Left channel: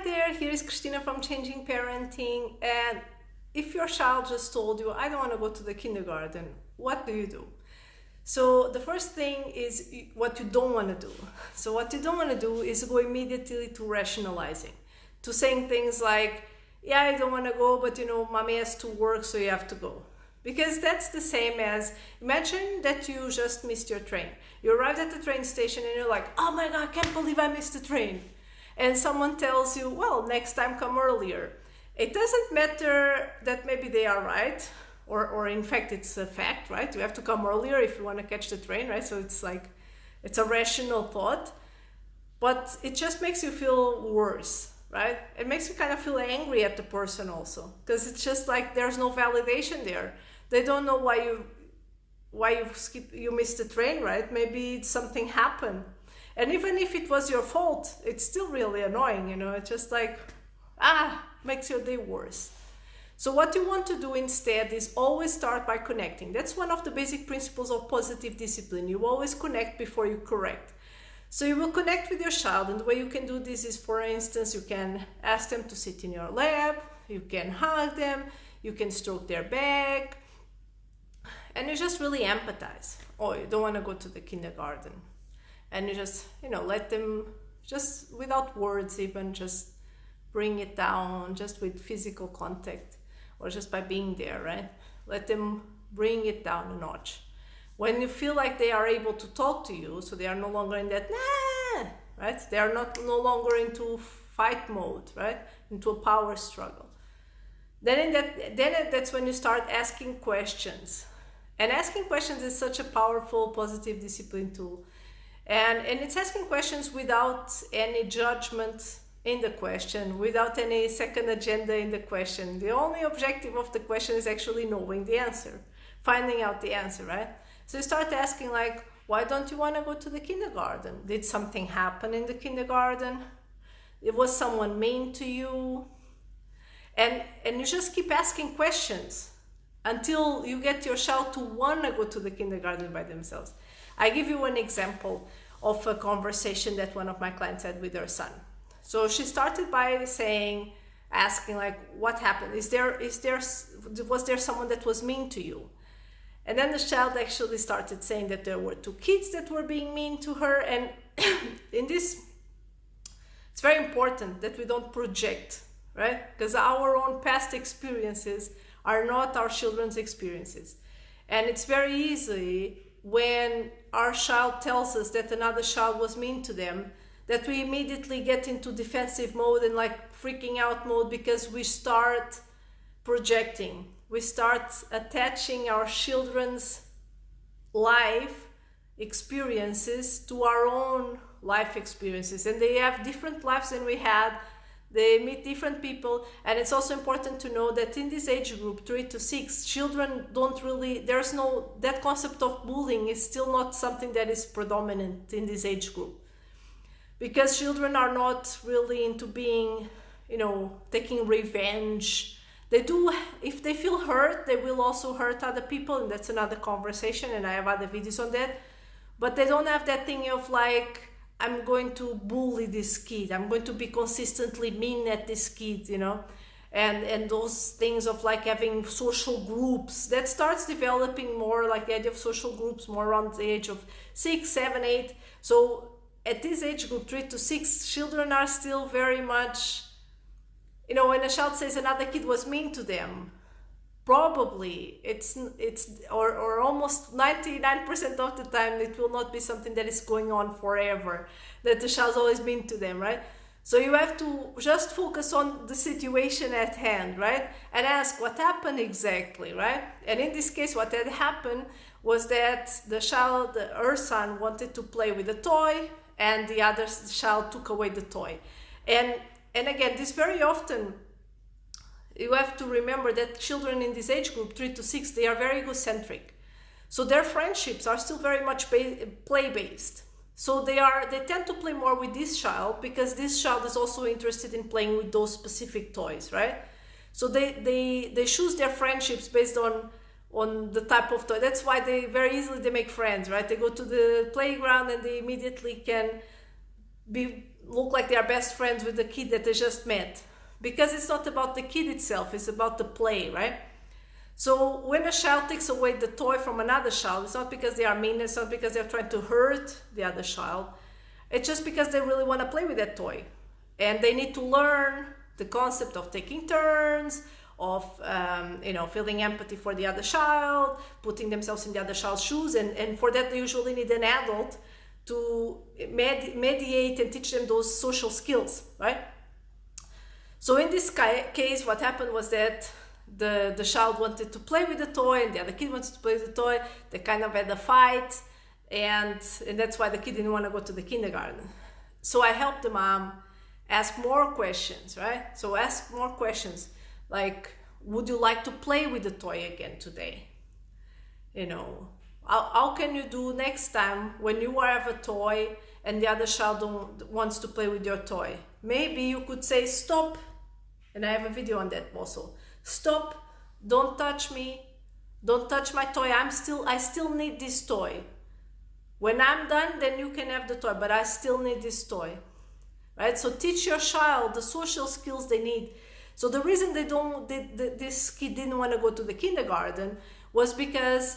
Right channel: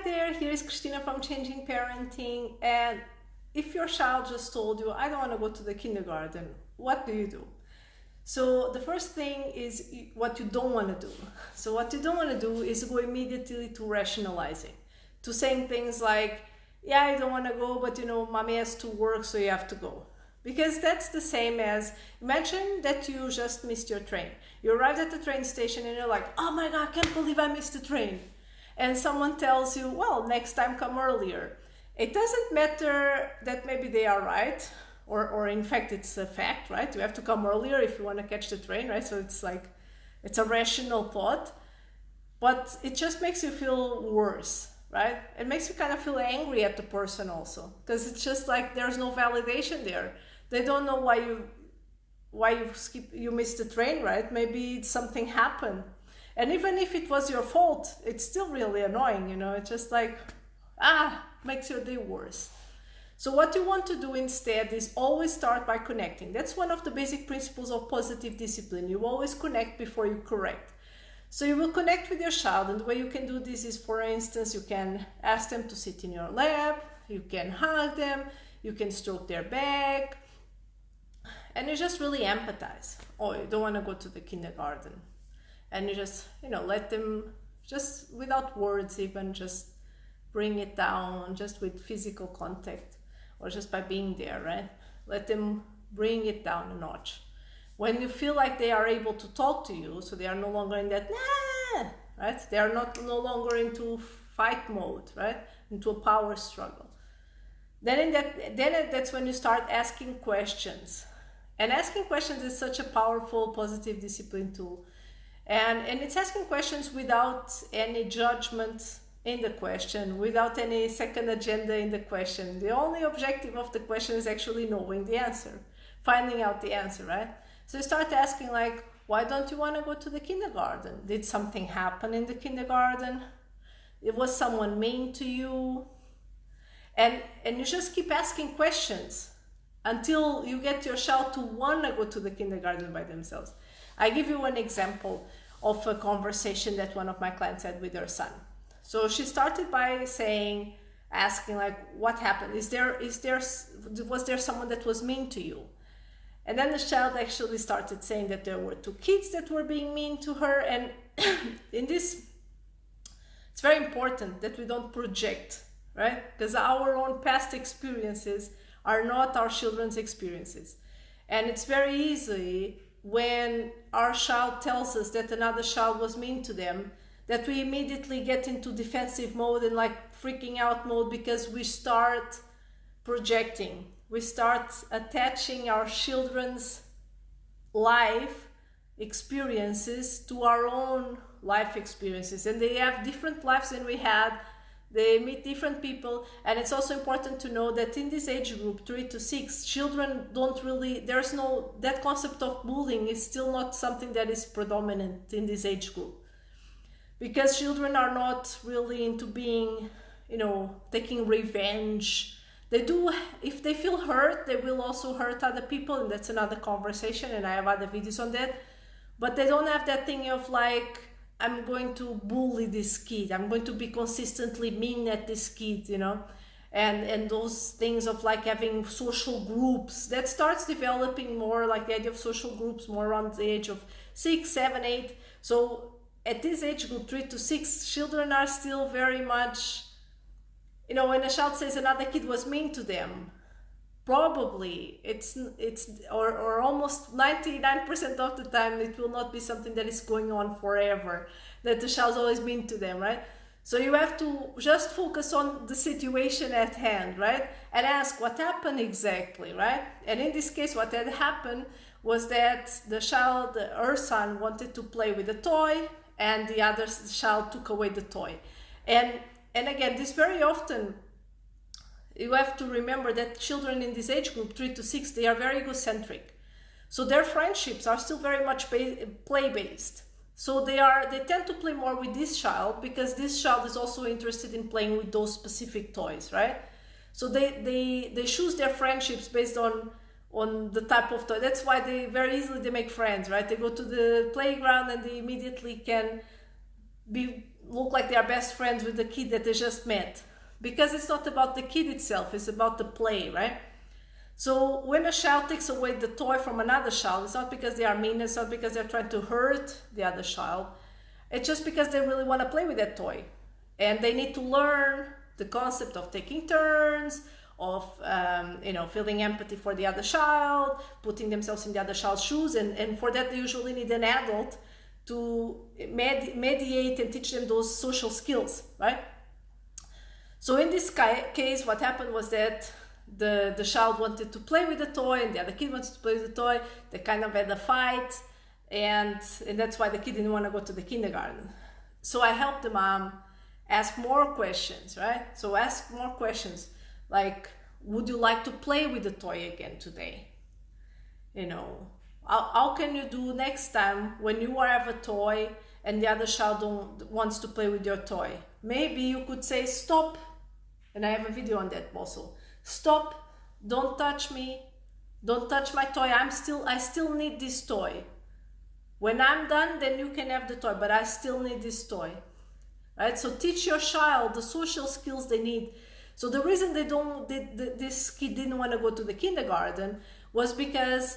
Hi there, here is Christina from Changing Parenting. And if your child just told you, I don't want to go to the kindergarten, what do you do? So the first thing is what you don't want to do. So what you don't want to do is go immediately to rationalizing, to saying things like, yeah, I don't want to go, but mommy has to work, so you have to go. Because that's the same as, imagine that you just missed your train. You arrived at the train station and you're like, oh my God, I can't believe I missed the train. And someone tells you, well, next time come earlier. It doesn't matter that maybe they are right, or in fact it's a fact, right? You have to come earlier if you want to catch the train, right? So it's like, it's a rational thought, but it just makes you feel worse, right? It makes you kind of feel angry at the person also, because it's just like there's no validation there. They don't know why you missed the train, right? Maybe something happened. And even if it was your fault, it's still really annoying, It's just like, makes your day worse. So what you want to do instead is always start by connecting. That's one of the basic principles of positive discipline. You always connect before you correct. So you will connect with your child, and the way you can do this is, for instance, you can ask them to sit in your lap, you can hug them, you can stroke their back, and you just really empathize. Oh, you don't want to go to the kindergarten. And you just, let them, just without words even, just bring it down, just with physical contact, or just by being there, right? Let them bring it down a notch. When you feel like they are able to talk to you, so they are no longer in that, right? They are no longer into fight mode, right? Into a power struggle. Then that's when you start asking questions. And asking questions is such a powerful positive discipline tool. And it's asking questions without any judgment in the question, without any second agenda in the question. The only objective of the question is actually knowing the answer, finding out the answer, right? So you start asking like, why don't you want to go to the kindergarten? Did something happen in the kindergarten? Was someone mean to you? And you just keep asking questions until you get your child to want to go to the kindergarten by themselves. I give you an example of a conversation that one of my clients had with her son. So she started by asking like, what happened? Was there someone that was mean to you? And then the child actually started saying that there were two kids that were being mean to her. And in this, it's very important that we don't project, right? Because our own past experiences are not our children's experiences. And it's very easy when our child tells us that another child was mean to them, that we immediately get into defensive mode and like freaking out mode, because we start projecting. We start attaching our children's life experiences to our own life experiences. And they have different lives than we had. They meet different people, and it's also important to know that in this age group, 3 to 6, children that concept of bullying is still not something that is predominant in this age group. Because children are not really into being, taking revenge. They do, if they feel hurt, they will also hurt other people, and that's another conversation, and I have other videos on that. But they don't have that thing of like, I'm going to bully this kid, I'm going to be consistently mean at this kid, and those things of like having social groups, that starts developing more, like the idea of social groups more around the age of 6, 7, 8. So at this age group, 3 to 6, children are still very much, when a child says another kid was mean to them, probably it's or almost 99% of the time it will not be something that is going on forever, that the child's always mean to them, right? So you have to just focus on the situation at hand, right? And ask what happened exactly, right? And in this case, what had happened was that her son wanted to play with a toy, and the other child took away the toy. And again, this very often, you have to remember that children in this age group, 3 to 6, they are very egocentric. So their friendships are still very much play-based. So they tend to play more with this child, because this child is also interested in playing with those specific toys, right? So they choose their friendships based on the type of toy. That's why they very easily make friends, right? They go to the playground and they immediately can be look like they are best friends with the kid that they just met, because it's not about the kid itself, it's about the play, right? So when a child takes away the toy from another child, it's not because they are mean, it's not because they're trying to hurt the other child, it's just because they really want to play with that toy. And they need to learn the concept of taking turns, of feeling empathy for the other child, putting themselves in the other child's shoes, and for that they usually need an adult to mediate and teach them those social skills, right? So in this case, what happened was that the child wanted to play with the toy and the other kid wanted to play with the toy. They kind of had a fight, and that's why the kid didn't want to go to the kindergarten. So I helped the mom ask more questions, right? So ask more questions like, would you like to play with the toy again today? How can you do next time when you have a toy and the other child wants to play with your toy? Maybe you could say, stop, and I have a video on that also. Stop, don't touch me, don't touch my toy, I still need this toy. When I'm done, then you can have the toy, but I still need this toy, right? So teach your child the social skills they need. So the reason this kid didn't want to go to the kindergarten was because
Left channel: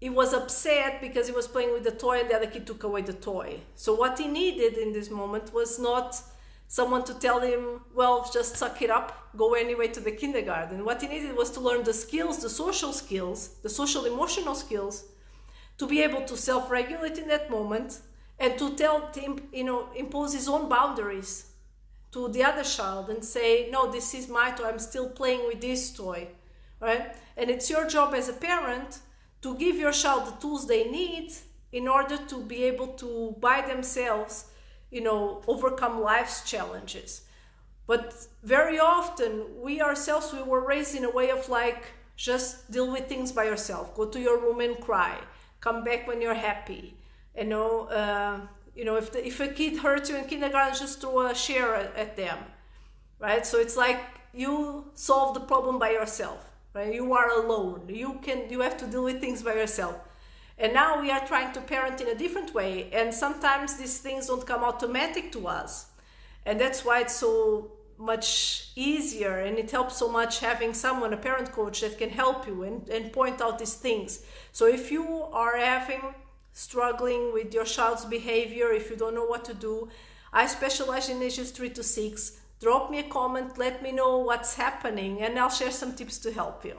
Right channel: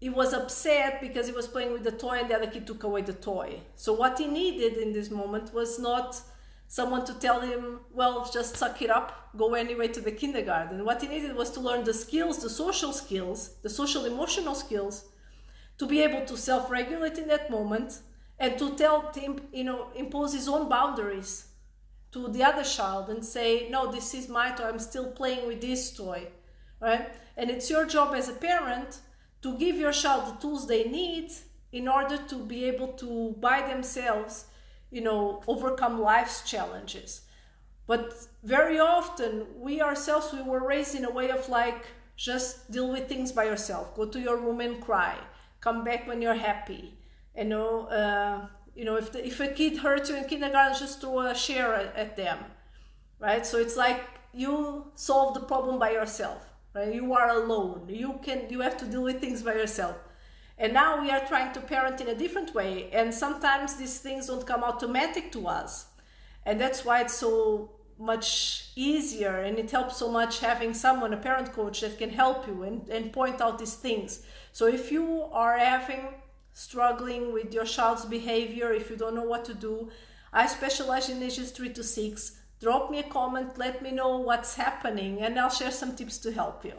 he was upset because he was playing with the toy and the other kid took away the toy. So what he needed in this moment was not someone to tell him, well, just suck it up, go anyway to the kindergarten. What he needed was to learn the skills, the social skills, the social emotional skills, to be able to self-regulate in that moment and to impose his own boundaries to the other child and say, no, this is my toy, I'm still playing with this toy, right? And it's your job as a parent to give your child the tools they need in order to be able to, by themselves, overcome life's challenges. But very often, we ourselves, we were raised in a way of like, just deal with things by yourself. Go to your room and cry. Come back when you're happy. If a kid hurts you in kindergarten, just throw a chair at them, right? So it's like you solve the problem by yourself, right? You are alone. You have to deal with things by yourself. And now we are trying to parent in a different way, and sometimes these things don't come automatic to us. And that's why it's so much easier, and it helps so much having someone, a parent coach, that can help you and point out these things. So if you are struggling with your child's behavior, if you don't know what to do, I specialize in ages 3 to 6. Drop me a comment, let me know what's happening, and I'll share some tips to help you.